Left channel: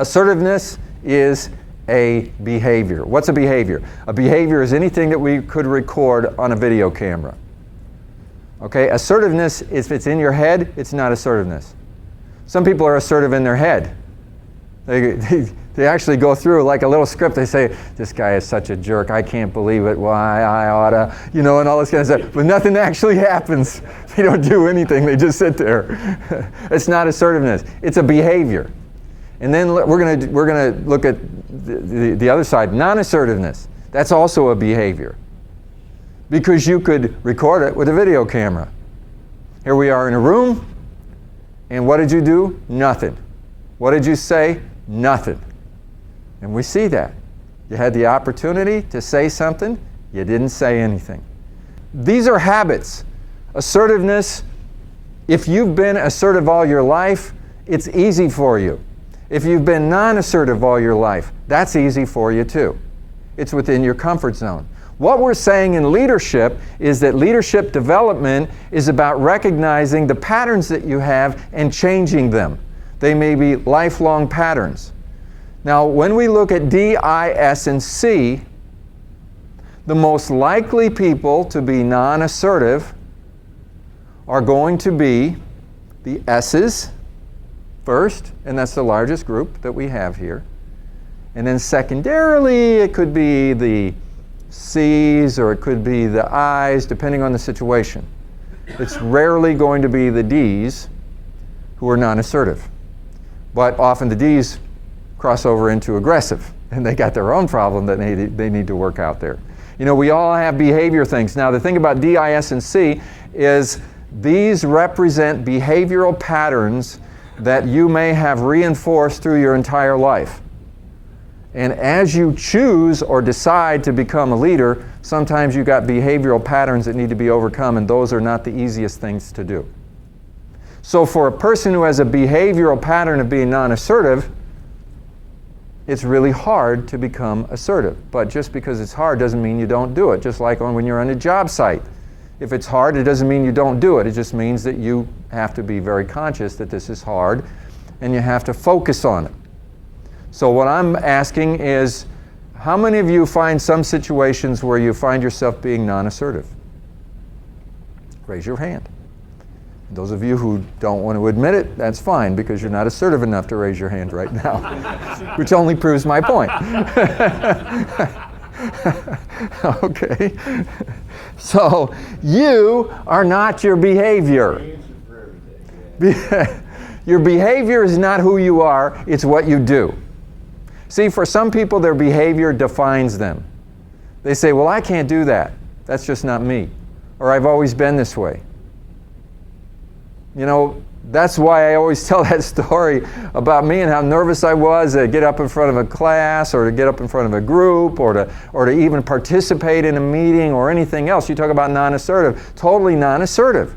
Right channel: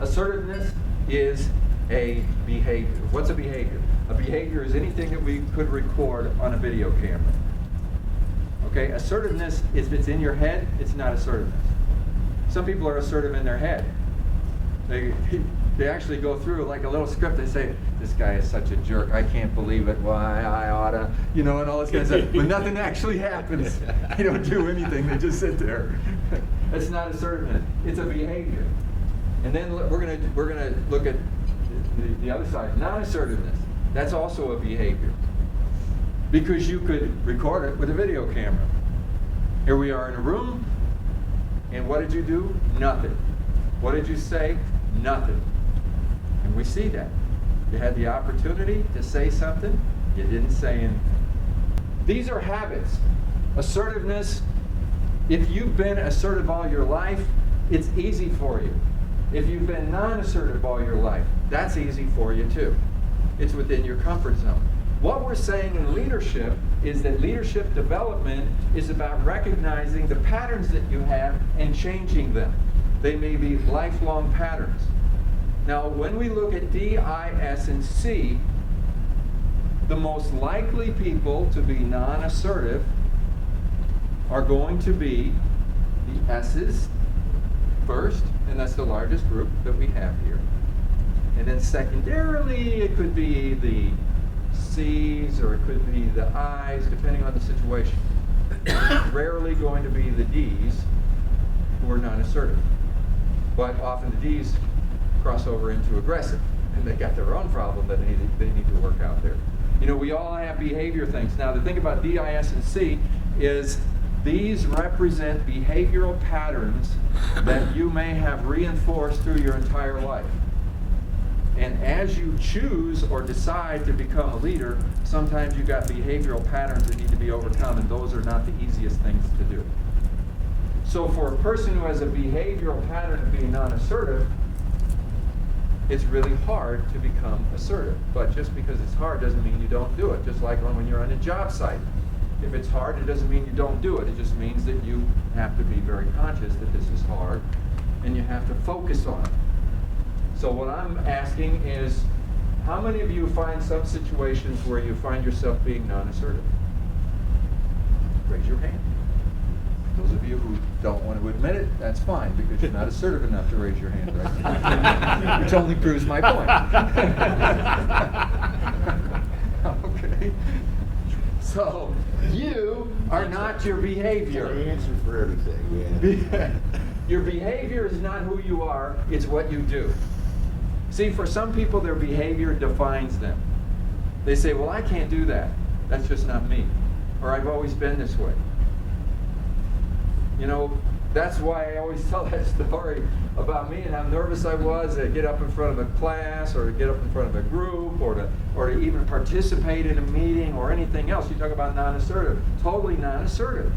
Assertiveness is a behavior. What's a behavior? A behavior is anything that we could record on a video camera. Okay, assertiveness, if it's in your head, it's not assertiveness. Some people are assertive in their head. They actually go through like a little script. They say, this guy is such a jerk, I can't believe it, why, I oughta, and all this kind of stuff. But nothing actually happens. They don't do anything, they just sit there. It's not assertiveness, it's a behavior. And then we're gonna look at the other side, non-assertiveness. That's also a behavior. Because you could record it with a video camera. Here we are in a room, and what did you do? Nothing. What did you say? Nothing. And we see that. You had the opportunity to say something, you didn't say anything. These are habits. Assertiveness, if you've been assertive all your life, it's easy for you. If you've been non-assertive all your life, that's easy for you too. It's within your comfort zone. What we're saying in leadership is that leadership development is about recognizing the patterns that you have and changing them. They may be lifelong patterns. Now, when we look at D, I, S, and C, the most likely people to be non-assertive are going to be the S's first, and that's the largest group that we have here. And then secondarily, it could be the C's or it could be the I's, depending on the situation. It's rarely going to be the D's who are non-assertive. But often the D's cross over into aggressive, and they got their own problem that they need to work out there. We all have behavior things. Now, the thing about D, I, S, and C is these represent behavioral patterns that you may have reinforced through your entire life. And as you choose or decide to become a leader, sometimes you got behavioral patterns that need to be overcome, and those are not the easiest things to do. So for a person who has a behavioral pattern of being non-assertive, it's really hard to become assertive. But just because it's hard doesn't mean you don't do it. Just like when you're on a job site. If it's hard, it doesn't mean you don't do it. It just means that you have to be very conscious that this is hard, and you have to focus on it. So what I'm asking is, how many of you find some situations where you find yourself being non-assertive? Raise your hand. Those of you who don't want to admit it, that's fine, because you're not assertive enough to raise your hand right now, which only proves my point. Okay. So you are not your behavior. Your behavior is not who you are, it's what you do. See, for some people, their behavior defines them. They say, well, I can't do that. That's just not me. Or I've always been this way. That's why I always tell that story about me and how nervous I was to get up in front of a class, or to get up in front of a group, or to even participate in a meeting or anything else. You talk about non-assertive, totally non-assertive.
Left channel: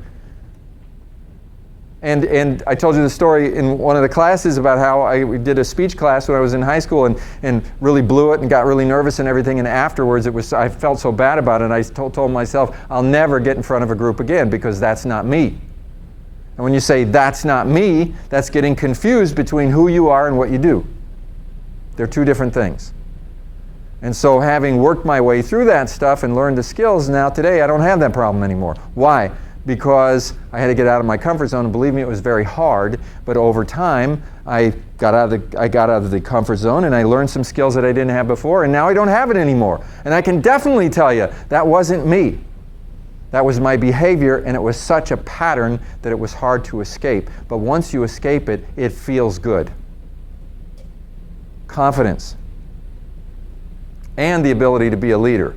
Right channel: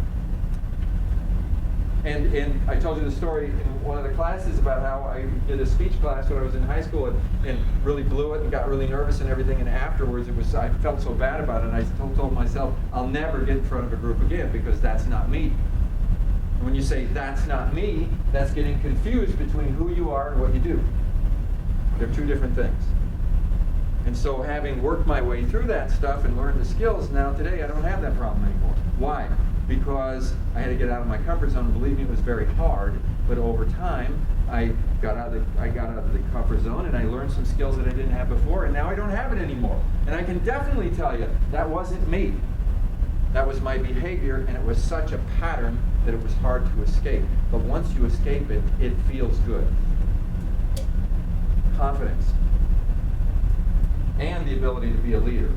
And I told you the story in one of the classes about how I did a speech class when I was in high school and really blew it and got really nervous and everything, and afterwards I felt so bad about it, and I told myself, I'll never get in front of a group again, because that's not me. And when you say that's not me, that's getting confused between who you are and what you do. They're two different things. And so having worked my way through that stuff and learned the skills, now today I don't have that problem anymore. Why? Because I had to get out of my comfort zone, and believe me, it was very hard, but over time I got out of the comfort zone, and I learned some skills that I didn't have before, and now I don't have it anymore. And I can definitely tell you, that wasn't me. That was my behavior, and it was such a pattern that it was hard to escape. But once you escape it, it feels good. Confidence. And the ability to be a leader.